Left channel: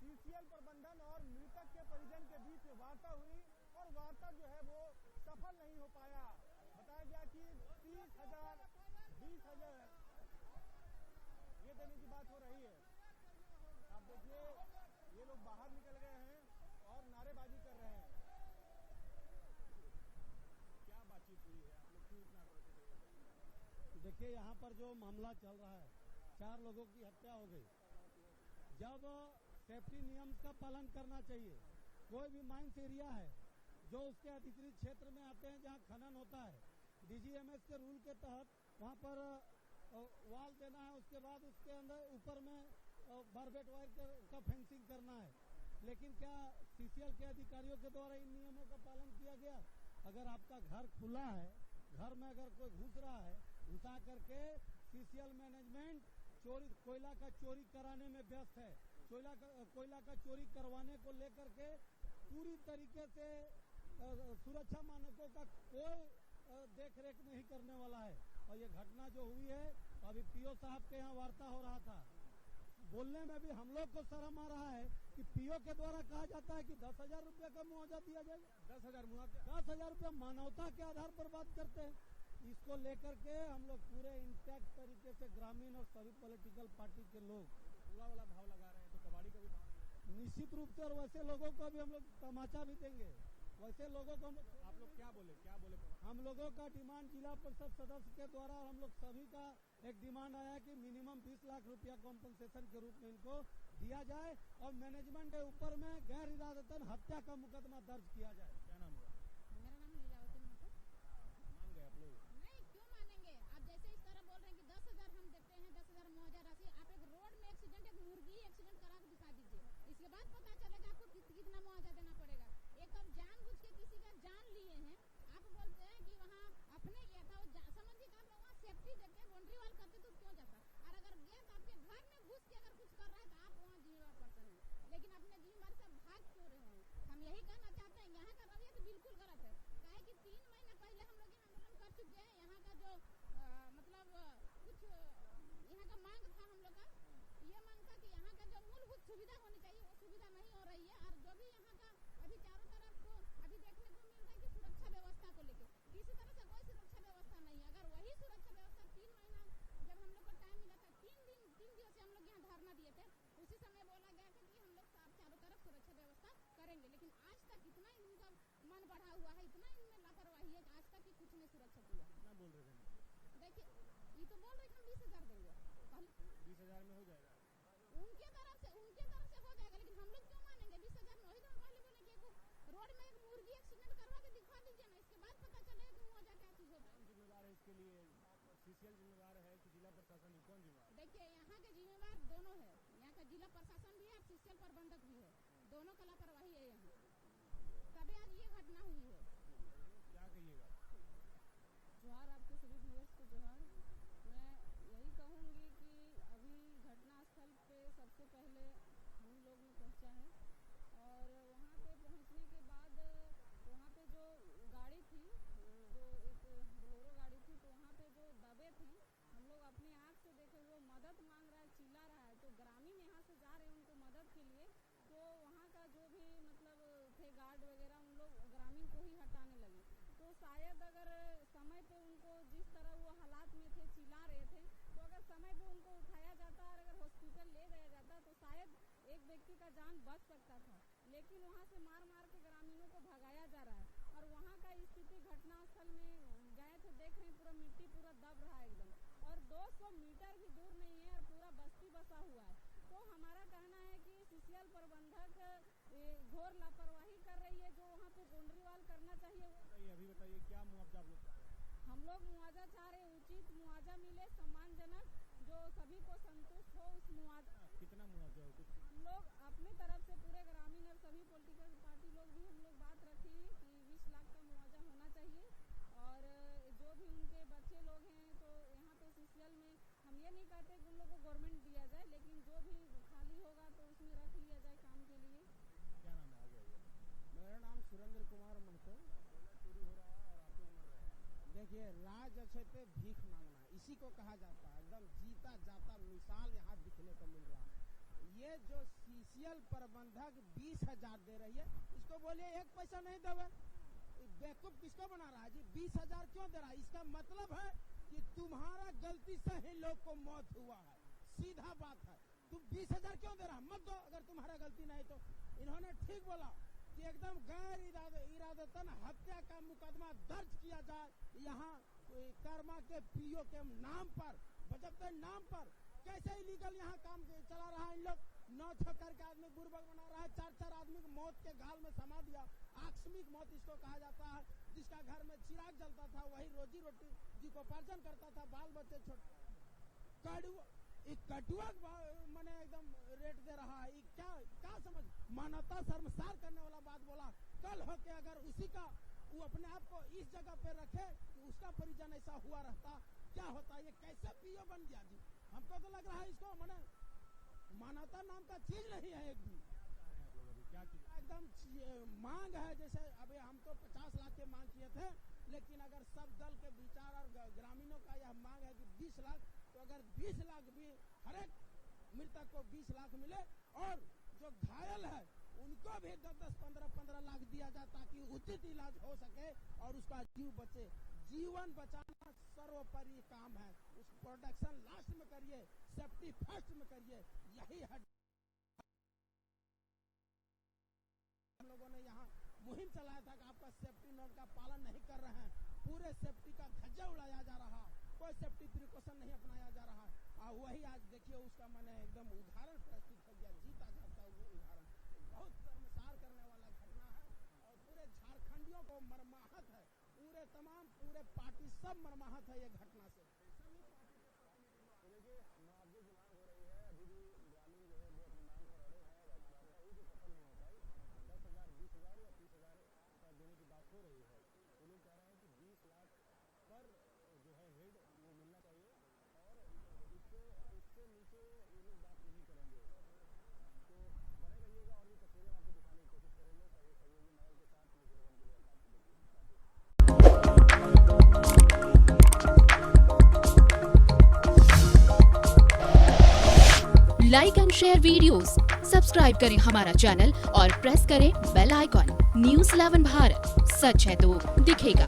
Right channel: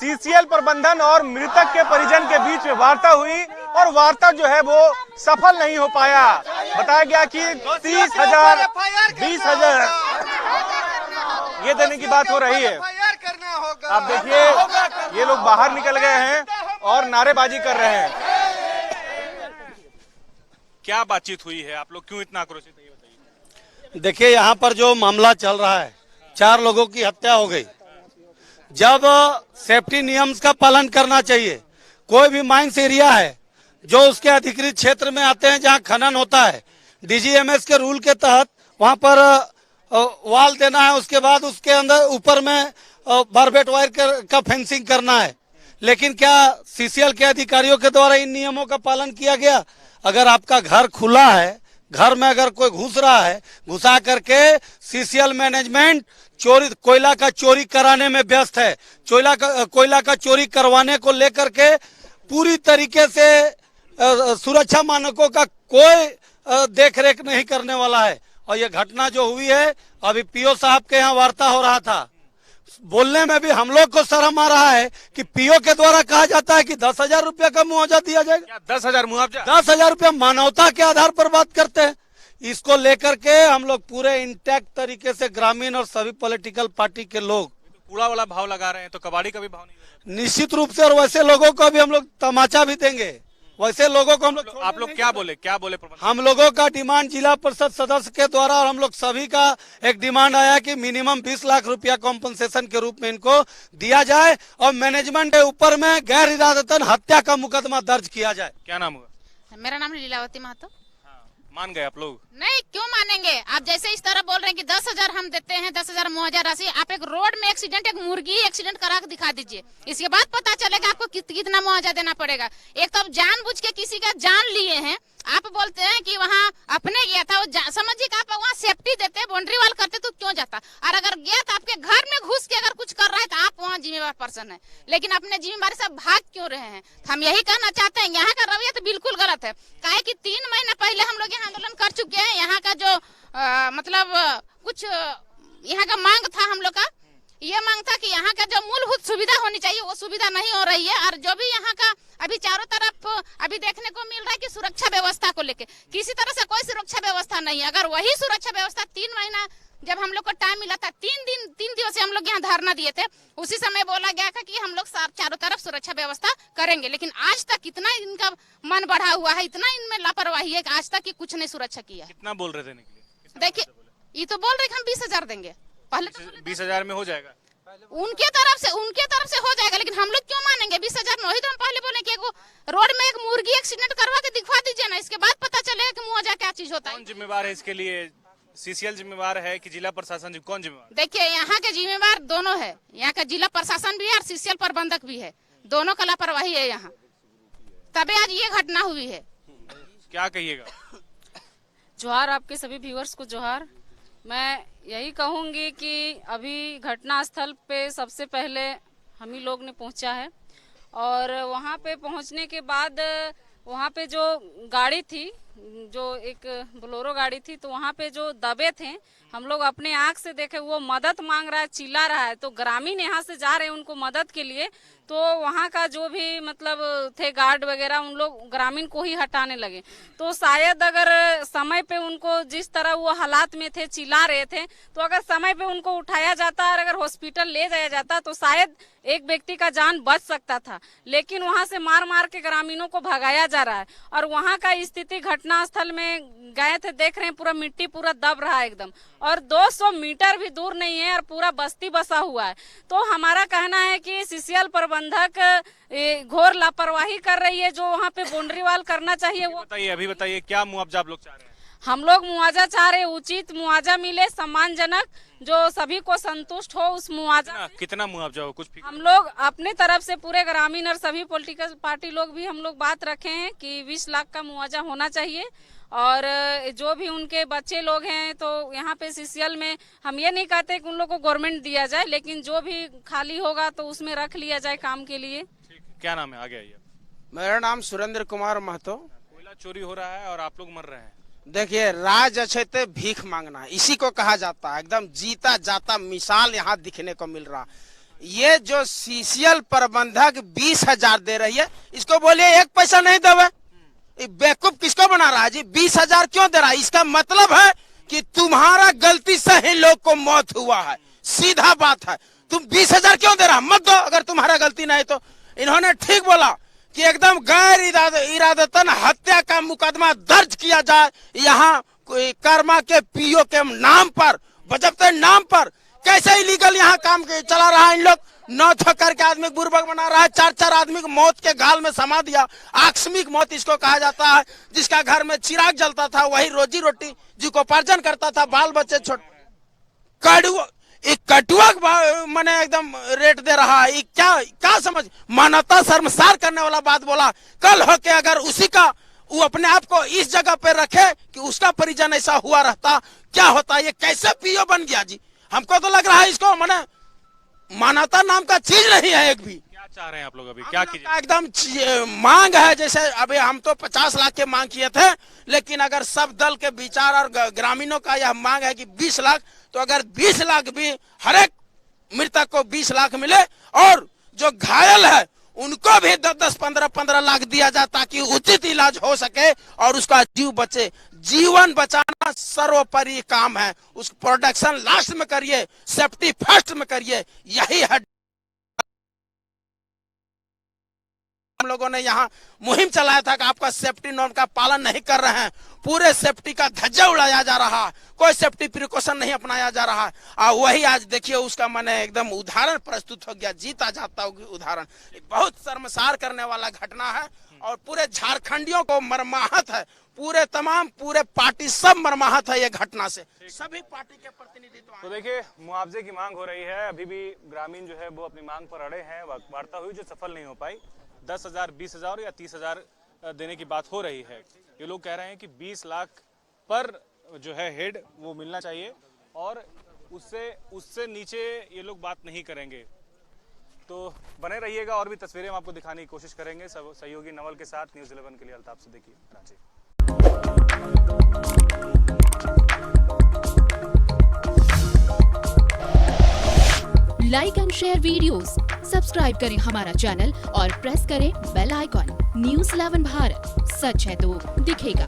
CCL प्रबंधन और मृतक के परिजन के बीच में वार्ता हुई और वार्ता जो है वो सफल नहीं हो पाया। बताया गया कि 30,000 20,000 ये देने की बात हो रही है। आप देखिए ये लोग बाहर निकल गए हैं और नारेबाजी कर रहे हैं। क्या बातचीत हुई है, आप लोग क्यों इतना आक्रोशित है, ये बताइए। देखिए यहाँ पर जो मामला चल रहा है, 4 लोगों की हत्या हो गई। जब सेफ्टी नियम्स का पालन करना चाहिए, कोई भी माइंस एरिया है जो उसके अधिकृत क्षेत्र में आते हैं जहां खनन होता है, डीजीएमएस के रूल के तहत वहां पर वाल देना है, उसके बाद उसके अंदर ऊपर में बारबेट वायर का फेंसिंग करना है। लेकिन क्या सीसीएल के अधिकारियों के द्वारा इन नियमों का पालन किया गया? अगर आपका घर खुला है, घर में अगर कोई घुस रहा है, घुसा करके सीसीएल मैनेजमेंट कोयला का चोरी कराने में व्यस्त है। कोयला का चोरी करवाने को लेकर के पूरी तरीके से सुरक्षा मानकों का कोई देखरेख नहीं करने वाला है। और ये घटना जो हुई है, अभी पीओ साहब के यहाँ वार्ता हो रहा था, बोलने में भी हम लोग को शर्म आ रहा है कि पीओ के द्वारा कहा जाता है कि 10,000 रुपया का मुआवजा दिया जाएगा। 10,000 मुआवजा? 10,000 रुपया मानवता के आधार पर बात करते हैं। इसको लेकर के हम लोग पूरे इंटैक्ट तरीके से ग्रामीण और सभी पॉलिटिकल पार्टी के लोग कूड़ा वाला भाव लगा रहे हैं, तो कबाड़ी का भी भाव नहीं लगा? निश्चित रूप से, और वैसे लोगों को भी हम लोग तमाचा भी देंगे। वैसे लोगों को हम लोग आप लोग क्या बोले हम लोगों का डिमांड जिला परिषद सदस्य के द्वारा और हम लोग सभी का एक डिमांड आया कि मिनिमम 20 लाख रुपया कॉम्पनसेशन के रूप में इनको दिया जाए और मैनेजमेंट के ऊपर में गैर इरादतन हत्या का मुकदमा दर्ज किया जाए। क्या नाम हुआ? मेरा नाम लीलावती महतो। मान गए आप लोग? नहीं, क्यों मानेंगे? आप जैसे इस तरह बोल रहे हैं कि 10,000 हम देते हैं, 10,000 मुआवजा राशि। आप एक रोड में एक्सीडेंट, एक मुर्गी एक्सीडेंट करा के दिखा दीजिए, इसके बाद पता चलेगा आपको कितना मुआवजा देना पड़ेगा। एक तो जानबूझ के किसी का जान लिए हैं, आप बोलते हैं कि वहाँ अपने गया था, समझिए कि आप वहाँ सेफ्टी देते, बाउंड्री वाल करते तो क्यों जाता? और अगर गया तो आपके घर में घुस के अगर कुछ कर रहा है तो आप वहाँ जिम्मेवार पर्सन है, लेकिन अपने जिम्मेवारी से भाग क्यों रहे हैं? हम यही कहना चाहते हैं, यहाँ का रवैया तो बिल्कुल गलत है। काहे कि 3 महीना पहले हम लोग यहाँ आंदोलन कर चुके हैं। यहाँ का जो मतलब कुछ यहाँ का मांग था, हम लोग का ये मांग था कि यहाँ का जो मूलभूत सुविधा होनी चाहिए वो सुविधा नहीं हो रही है। और जो भी यहाँ का अभी चारों तरफ अभी देखने को मिल रहा है कि सुरक्षा व्यवस्था को लेके किसी तरह से कोई सुरक्षा व्यवस्था नहीं है। अगर वही सुरक्षा व्यवस्था 3 महीना जब हम लोग को टाइम मिला था, 3 दिवस से हम लोग यहाँ धरना दिए थे, उसी समय बोला गया था कि हम लोग चारों तरफ सुरक्षा व्यवस्था करेंगे। लेकिन आज तक इतना इनका मन बढ़ा हुआ है, इतना इनमें लापरवाही है कि आज तक कुछ नहीं सुरक्षा किया है। कितना बोल रहे थे? देखिए, ये तो बोल रहे कि हम 20,000 देंगे। पहले तो 20,000 में हो जाएगा, उनके तरफ से हो जाएगा, लेकिन हम लोग क्यों मानेंगे? 20,000 में वही तो हम पहले बोले कि रोड में एक मुर्गी एक्सीडेंट करवा के दिखवा दीजिए ना, इसके बाद पता चलेगा कि मुआवजा क्या चीज होता है। कौन जिम्मेवार है इसके लिए? सीसीएल जिम्मेवार है कि जिला प्रशासन? कौन जिम्मेवार? देखिए, यहाँ के जिम्मेवार दोनों है, यहाँ का जिला प्रशासन भी है और सीसीएल प्रबंधक भी है, दोनों का लापरवाही है यहाँ, तभी आज ये घटना हुई है। क्या कहिएगा? जोहार आपके सभी व्यूअर्स को जोहार। मैं यही कहूंगी कि अभी घटना स्थल पे सबसे पहले हम ही लोग ने पहुंचा है और वहां पे पहुंचने के बाद वहां पे जो गाड़ी थी, जो एक बोलेरो गाड़ी थी, तो वहां पे जो दबे थे हम लोग अपने आंख से देखे, वो मदद मांग रहा है, चिल्ला रहा है। तो ग्रामीण यहाँ से जा रहे हैं उनको मदद के लिए, तो वहाँ का जो भी मतलब थे गार्ड वगैरह, उन लोग ग्रामीण को ही हटाने लगे। तो शायद अगर समय पे उनको, जिस तरह वो हालात में थे, चिल्ला रहे थे, तो अगर समय पे उनको उठाया जाता और अगर हॉस्पिटल ले जाया जाता तो शायद एक व्यक्ति का जान बच सकता था। लेकिन वहां से मार मार के ग्रामीणों को भगाया जा रहा है। और वहां का स्थिति, घटना स्थल में गए थे, देख रहे हैं पूरा मिट्टी पूरा दब रहा है एकदम, और 200 मीटर भी दूर नहीं है और पूरा बस्ती बसा हुआ है। तो हमारा कहना है कि सीसीएल प्रबंधक घोर लापरवाही कर रही है, जो वहाँ पे बाउंड्री वाल करना चाहिए वो। अभी बताइए क्या मुआवजा आप लोग चाह रहे हैं? हम लोग मुआवजा चाह रहे हैं, उचित मुआवजा मिले, सम्मानजनक, जो सभी को संतुष्ट हो उस मुआवजा। कितना मुआवजा हो? कुछ हम लोग अपने तरफ से पूरे ग्रामीण और सभी पॉलिटिकल पार्टी लोग भी हम लोग बात रखे हैं कि 20 लाख का मुआवजा होना चाहिए। और जो भी उनके बच्चे लोग हैं, तो यहाँ पे सीसीएल में हम ये नहीं कहते कि उन लोग को गवर्नमेंट दिया जाए, लेकिन जो भी खाली होगा तो उसमें रख लिया जाए काम के लिए। क्या नाम है? आगे आइए। मेरा नाम सुरेंद्र कुमार महतो। कोयला चोरी हो रहा है और आप लोग मर रहे हैं। देखिए, राज अछैते भीख मांगना, इसी को कहा जाता है। एकदम जीता जाता मिसाल यहाँ दिखने को मिल रहा। ये जो सीसीएल प्रबंधक 20,000 दे रही है, इसको बोलिए 1 पैसा नहीं देवे। बेवकूफ किसको बना रहा है जी? 20,000 क्यों दे रहा है? इसका मतलब है कि तुम्हारा गलती से ही लोग को मौत हुआ है, सीधा बात है। तुम 20,000 क्यों दे रहा? मत दो अगर तुम्हारा गलती नहीं तो। इन्होंने ठीक बोला कि एकदम गैर इरादतन हत्या का मुकदमा दर्ज किया जाए यहाँ कर्मा के पीओ के नाम पर, बजबते नाम पर। कैसे इलीगल यहाँ काम चला रहा है इन लोग? 9 ठोकर के आदमी बुर्बक बना रहा है, 4 आदमी को मौत के गाल में समा दिया। आकस्मिक मौत इसको कहा जाता है। जिसका घर में चिराग जलता था वही रोजी रोटी जीविकोपार्जन करता था, बाल बच्चे कटुआ मैंने एकदम रेट दे रहा है। क्या समझ? मानवता शर्मसार करने वाला बात बोला। कल हो के अगर उसी का वो अपने आप को इस जगह पे रखे कि उसका परिजन ऐसा हुआ रहता, क्या होता? ये कैसे पीओ बन गया जी? हमको तो लग रहा है इसको मैंने मानवता नाम का चीज नहीं है एक भी। क्या चाह रहे हैं आप लोग अभी? क्या कीजिए? एकदम मांग है, जैसे अभी हम तो 50 लाख के मांग किए थे, लेकिन अगर सब दल के विचार और ग्रामीणों का यह मांग है कि 20 लाख, तो अगर 20 लाख भी हर एक मृतक को 20 लाख मिले और जो घायल है उनको भी 10-10, 15-15 लाख दिया जाए ताकि उचित इलाज हो सके और उसका जीव बचे। जीवन बचाना सर्वोपरि काम है। उस प्रोडक्शन लास्ट में करिए, सेफ्टी फर्स्ट में करिए, यही है। हम लोगों ने यहाँ मुहिम चलाया था कि आपका सेफ्टी नॉर्म का पालन नहीं कर रहे हैं, पूरे सेफ्टी का धज्जा उड़ाया जा रहा है, कोई सेफ्टी प्रिकॉशन नहीं अपनाया जा रहा है। और वही आज देखिए उसका मैंने एकदम उदाहरण प्रस्तुत हो गया, जीता जाता उदाहरण। बहुत शर्मसार करने वाला घटना है और पूरे झारखंडियों को मर्माहत है, पूरे पार्टी सब मर्माहत है ये घटना से, सभी पार्टी के प्रतिनिधित्व। तो देखिए मुआवजे की मांग हो रही है, अभी भी ग्रामीण जो है वो अपनी मांग पर अड़े हैं। वार्ता हुई जो सफल नहीं हो पाई। 10,000, 20,000 या 30,000 देने की बात हो रही है। ये लोग कह रहे हैं कि 20 लाख पर जो है हेड वो मिलना चाहिए और उससे नीचे ये लोग बात नहीं करेंगे। तो बने रहिएगा, और भी तस्वीरें हम आपको दिखाने की कोशिश करेंगे सहयोगी नवल के साथ। न्यूज़ 11 के लिए Altaf Siddiqui, Ranchi. Like and share videos, subscribe करें हमारा चैनल और प्रेस करें बेल आइकॉन। न्यूज़ 11 भारत, सच है तो दिखेगा।